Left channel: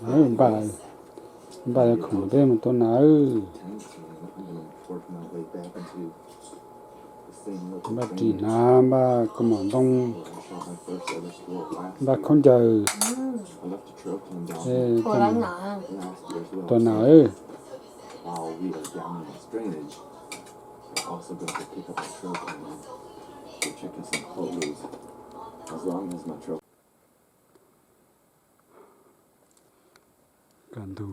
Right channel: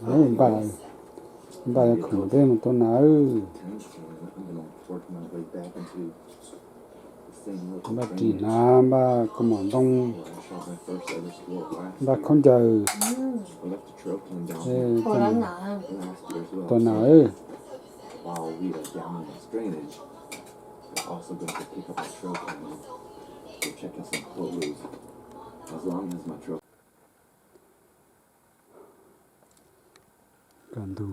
bà không biết mà tôi nói bà chỉ là bà có món đông bà không chờ tôi nói Also going to pick up a truck and go check out some clothes. As long as my truck. Cần thủ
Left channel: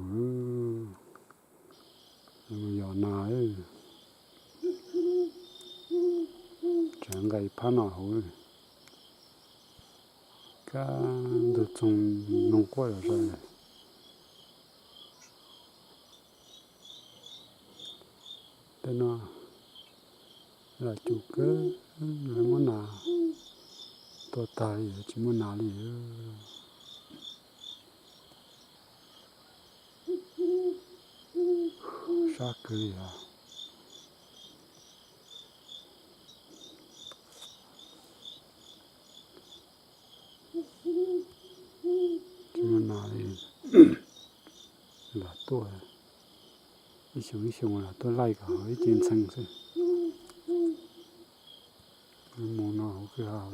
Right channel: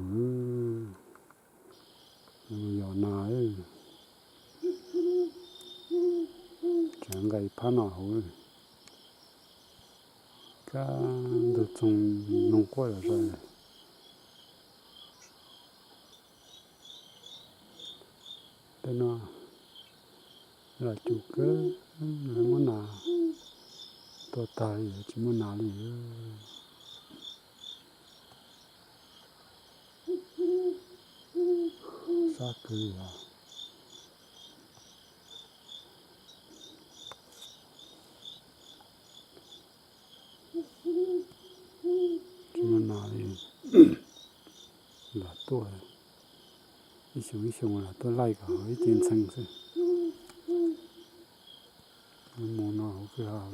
nhỏ nói chẳng gây phá nào cả được trong nông qua rồi thế nó là chủ cơ là muốn nào tôi tài chỉ muốn nào đi sát cười à chỉ muốn nào đi là tôi ý xong là tôi lại cả cái tiền xăng thôi muốn nào cứ hào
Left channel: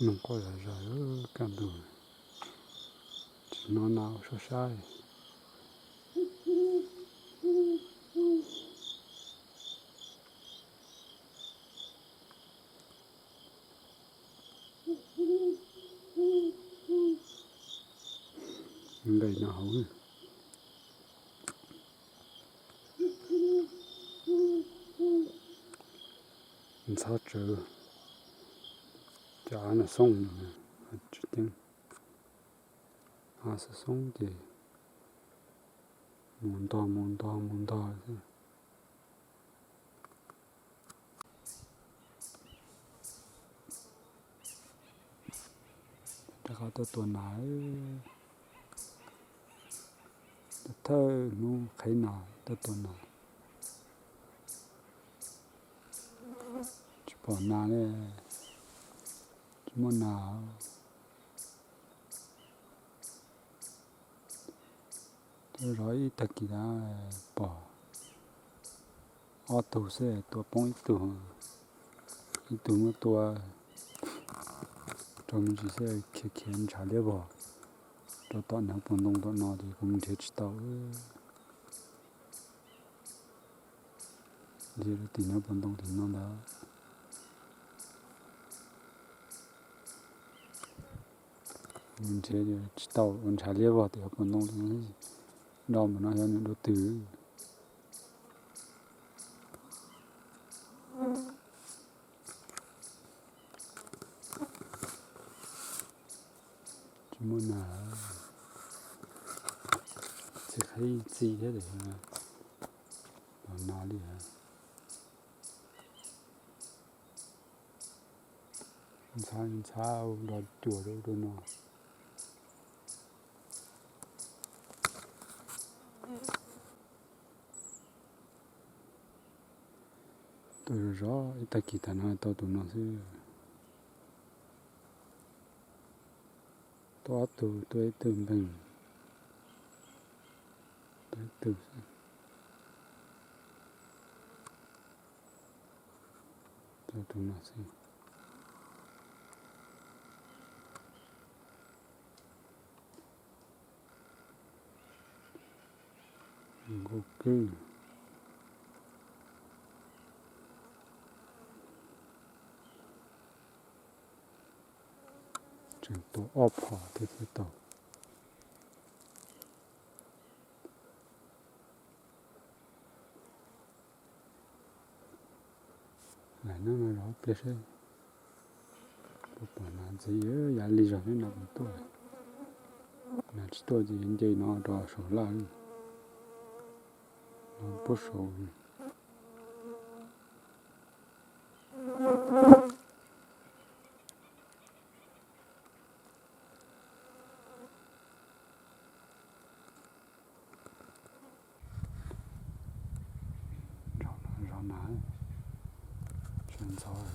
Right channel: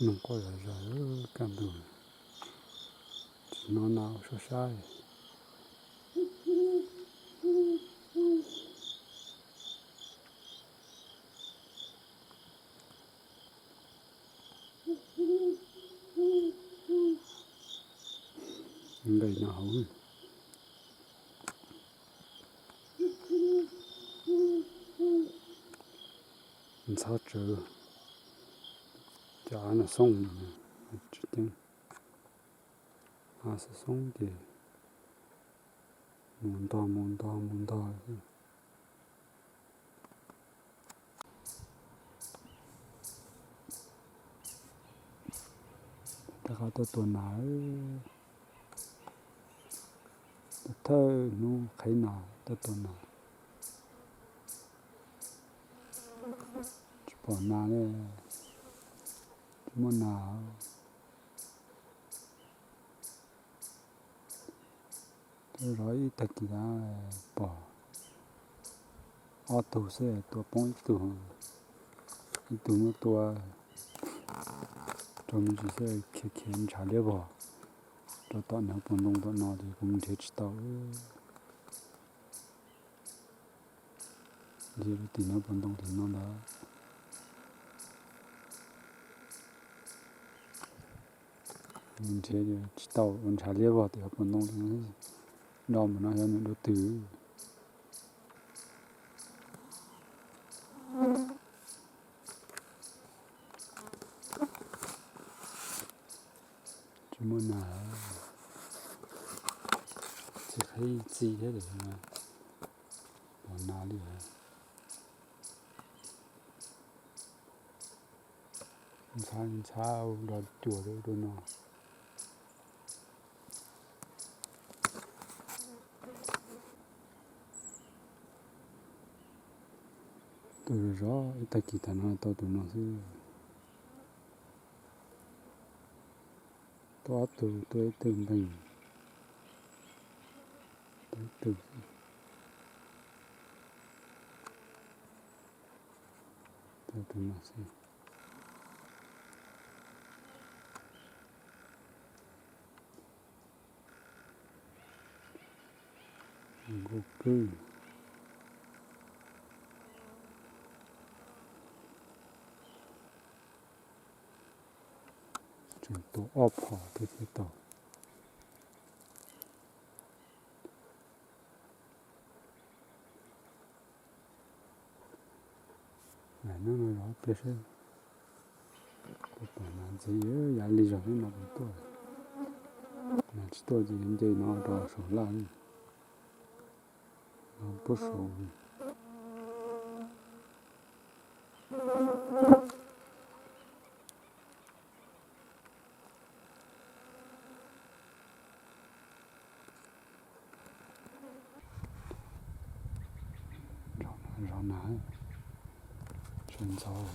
nông qua rồi cần thủ nó nào sao sai đây nào sao chờ chả nó xong chút tiếng sẽ xong thì muốn to ta có tôi nói thơ nó khai nào tôi nói chỉ bỏ nào đấy chỉ muốn nào tôi nói thật kỳ đã bỏ ô tô xe tôi bông ít tù mà tôi trong chỉ xe khiến trả lẽ bỏ cho tao nào bận đông tao nào thì cũng thể chỉ tao giờ thì nó bận đông thì nó đã mình sẽ chỉ tao mình trả lẽ bỏ thì bận đông thì nó đâu mà nó ra những đồ tử chỉ muốn là chỉ thấy gì thế để mà nào đi hả sao đó chùa đâu đâu nó tôi rõ ta kỳ thần hai tao tụi nó chứ tôi từ mình tôi từ tụi nó chứ ngô cư chẳng tổ ốp họ thì tổ lại nó nói rõ biết đấy có bảo là gì ấy giá lý do thế nào cũng tôi là chỉ tôi gì đến chơi nó đỏ sổ lại nó bớt sổ rõ nã sơn gió ở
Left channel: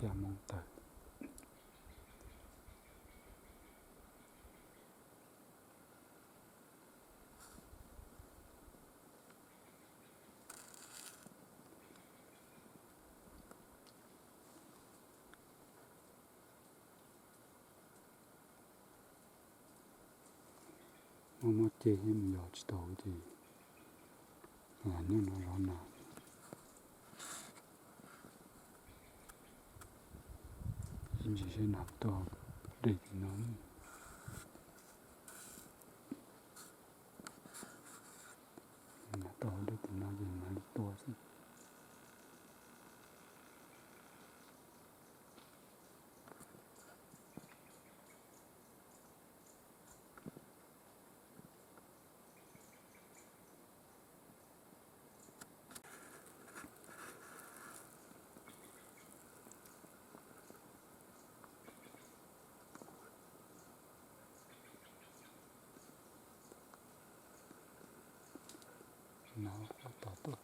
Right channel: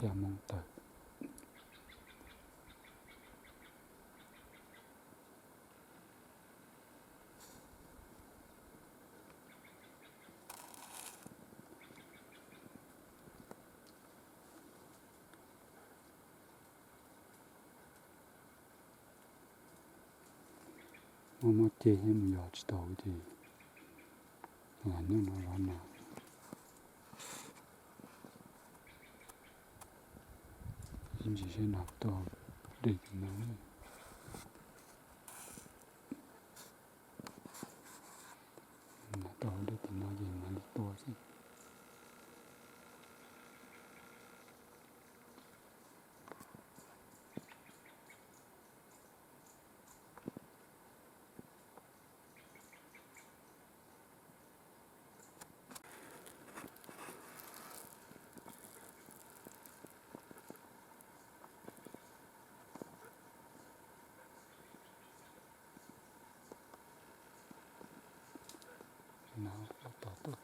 gia mong tử một chế em nhỏ chỉ đầu thì là nó rõ nã em chỉ sẽ nạp to để nó to để nó gì mà to chứ nó có to tốt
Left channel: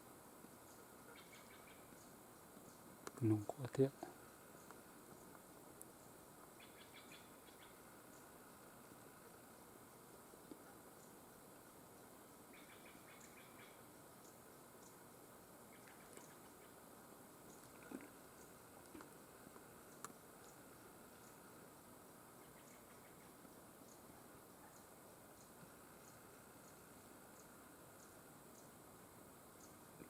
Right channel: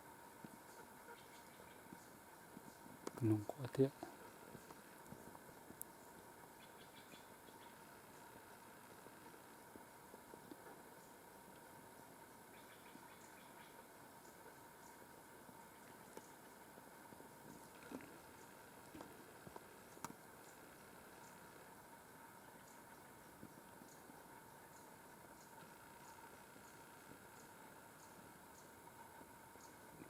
nó có thiệt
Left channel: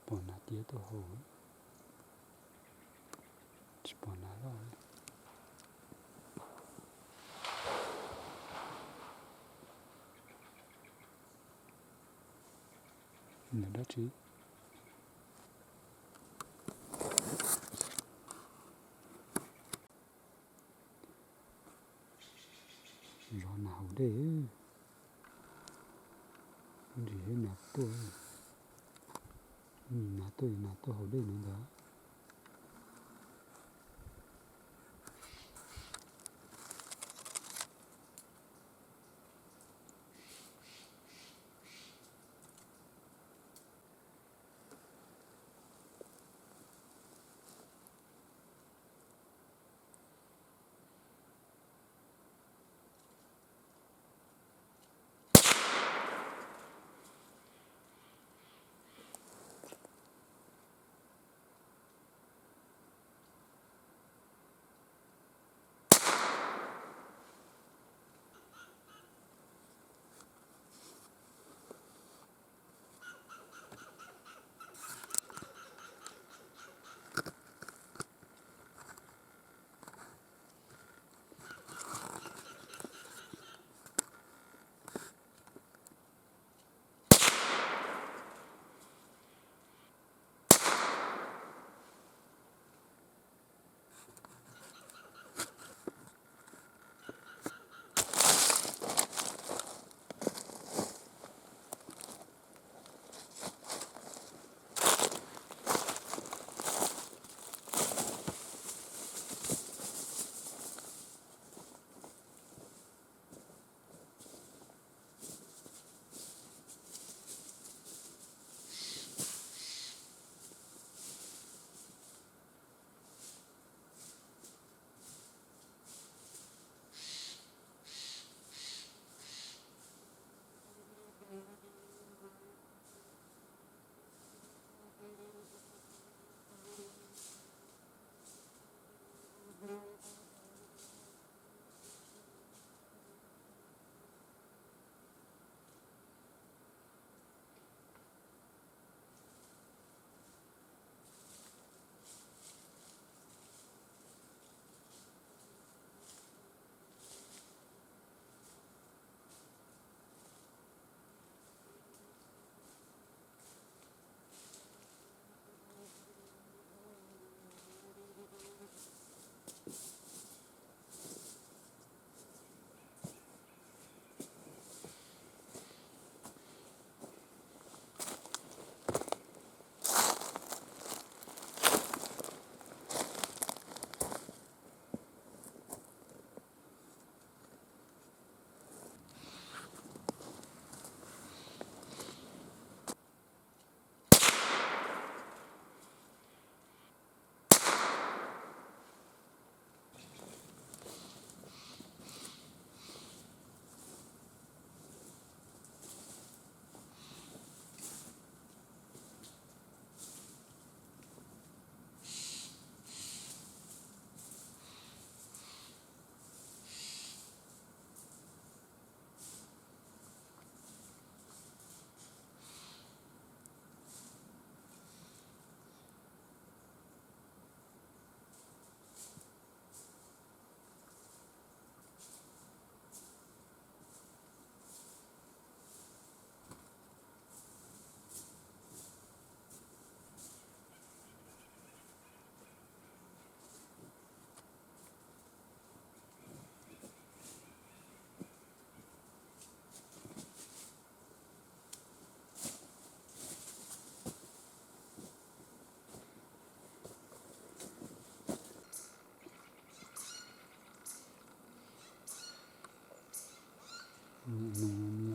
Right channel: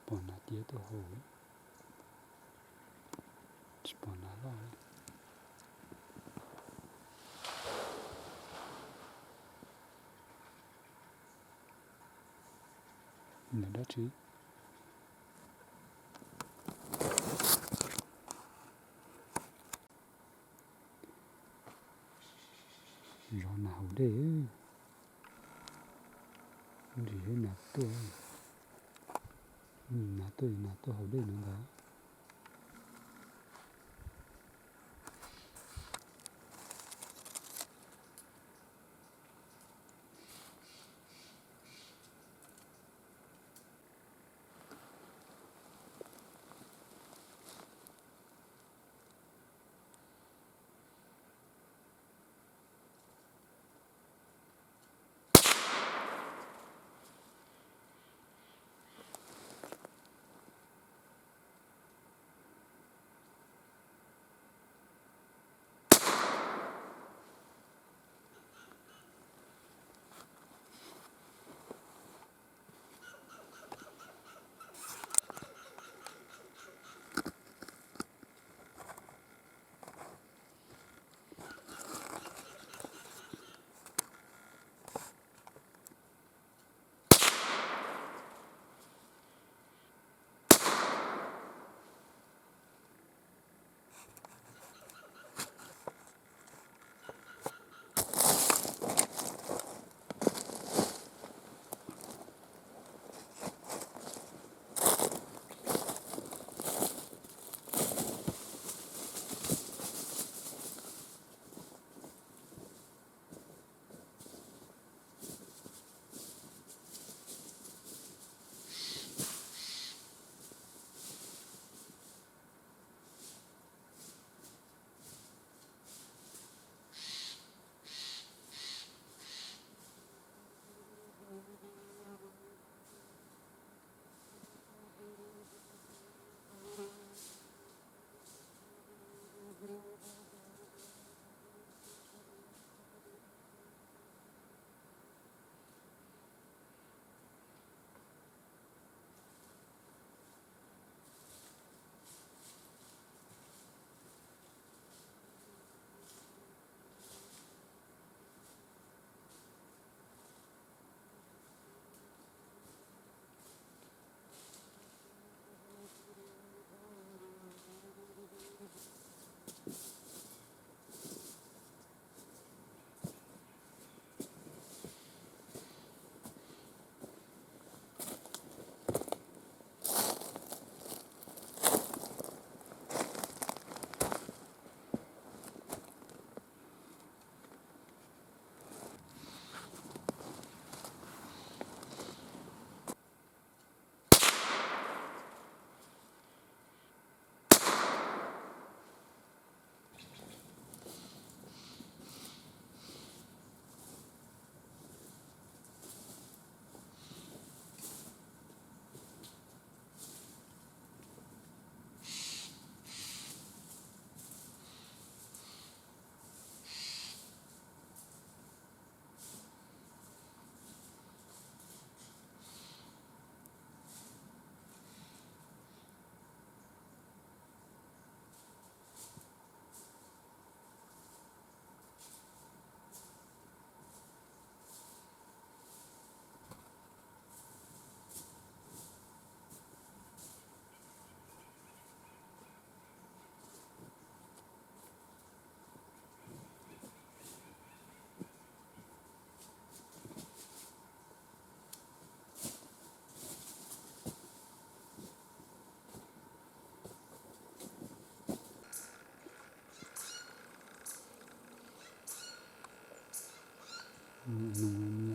bỏ nã tía tôi hồ chỉ bỏ nã lo là đó chứ rõ nào để gì hết nạp tôi hầu đây nó đó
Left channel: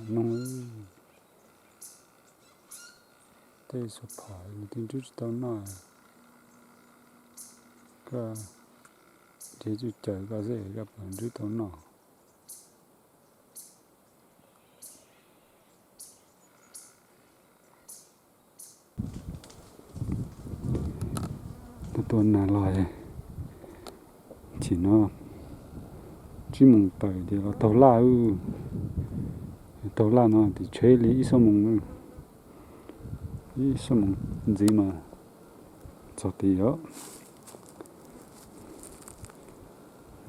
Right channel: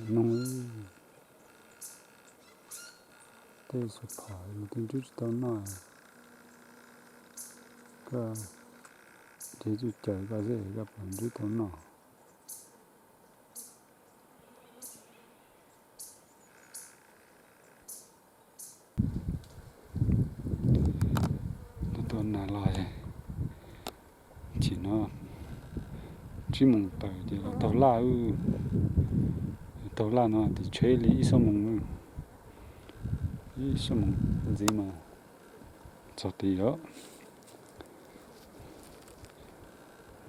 nông tây số phải một tiếng chút tao nói cái chế chút trời cái gì cái phần chút tao nói tuần nào lại chỉ nó chỉ mong tới thì là tàu la nó thì chơi lý số mong gì mà cho tí đó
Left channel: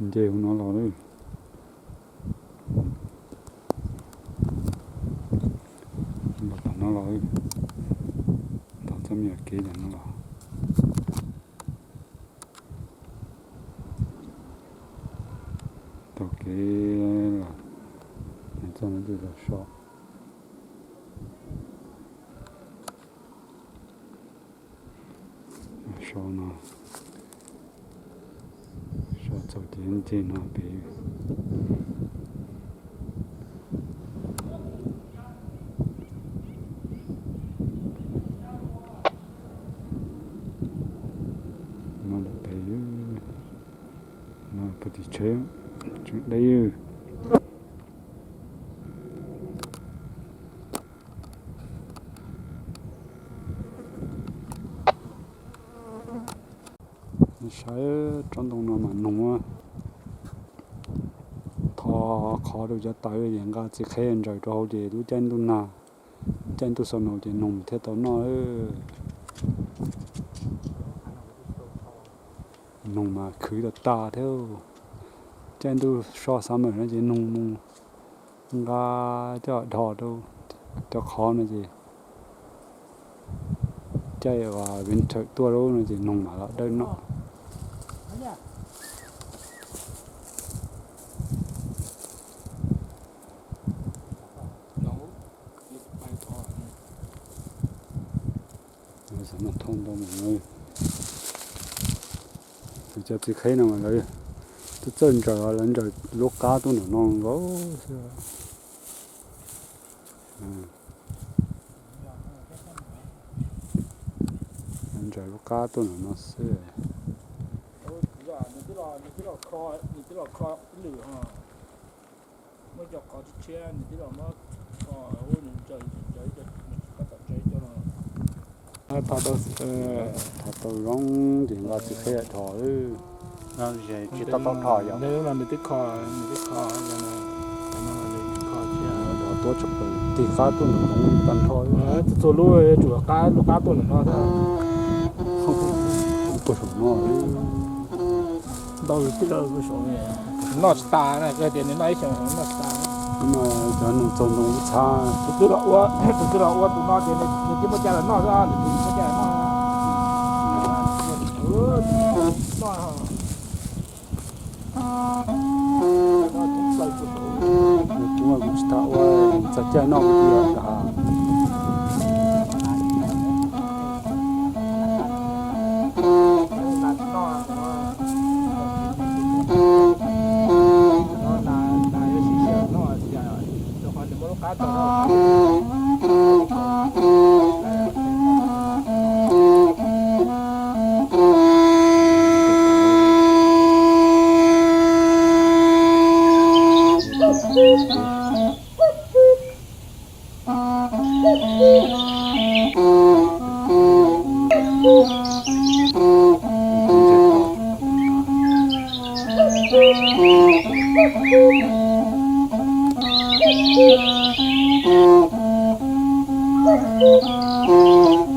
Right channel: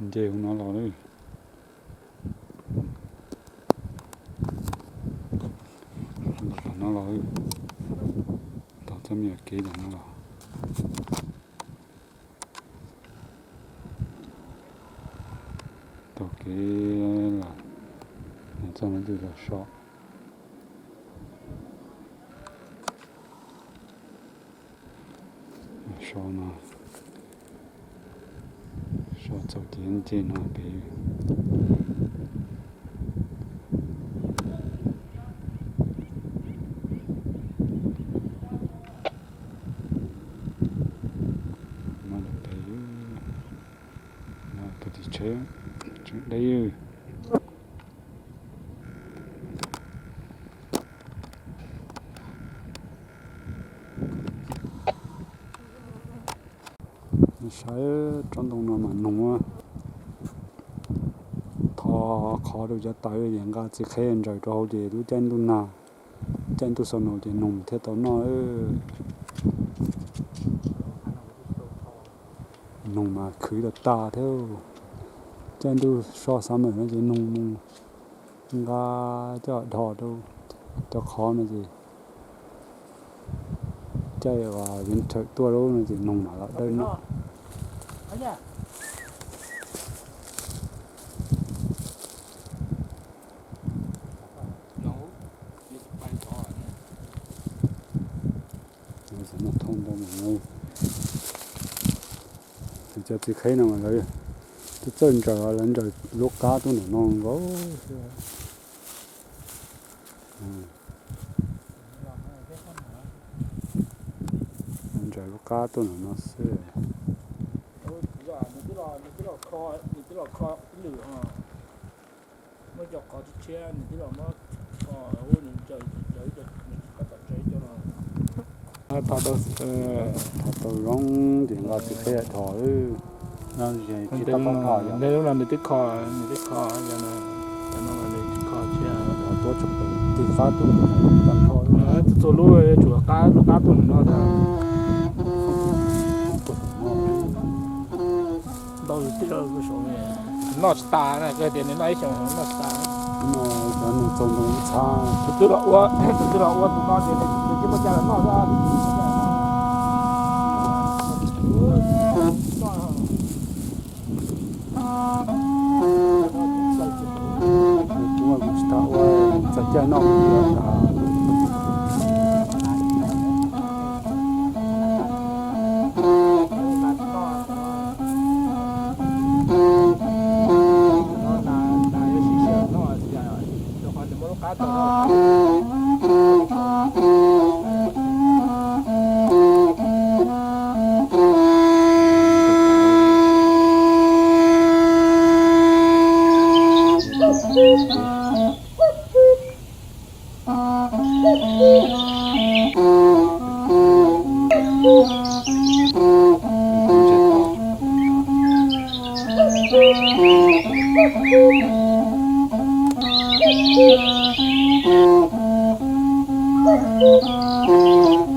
giờ không nó lo đấy nó lo tao chăm nhật kế là nó lo tao kế là cho nó được là short nó short cho tiền tiền nó bị mà được bị nó bị chết chuyện đấy sai trong đồng nó mà nông thọ khó được cho tới những cái chỉ khen rồi rồi thì tôi chân tôi nào chân tôi sau nó thì nông thế tao nói nông mà khử được ta theo chân tôi so sánh mà nó chỉ nông ga cho đỏ đâu cho khó nó gì chơi và winter tua đâu nó chỉ nông mà là đây nó nó thông đâu mà ngay thì cho chị thấy nào mà lấy tôi chân trời lên rồi lúc cá tôi nó non gấu lên trời lúc cá tôi nó xưa mới dọc có chiếc xe này tí là mới có ô nhìn trời cho mình có tập chơi cho nó thọ tôi rong thì nó chỉ thấy thọ nó chỉ tao không thọ vậy nếu là tích kho cho nó là tích kho xe thọ tôi chụp thì cá tôi nó không tận thôi nó số lúa chủ lúc cá tôi nó thôi không có số đâu tí đâu cái số này nó ta này cái tiền này xem nó ta nhưng mà cho nó trồng nó xa từ đó tụi nó tiền này chỉ một cha là nó ra để tụi nó cha nó cũng sẽ tạo ra cho nó đi cả Thank you.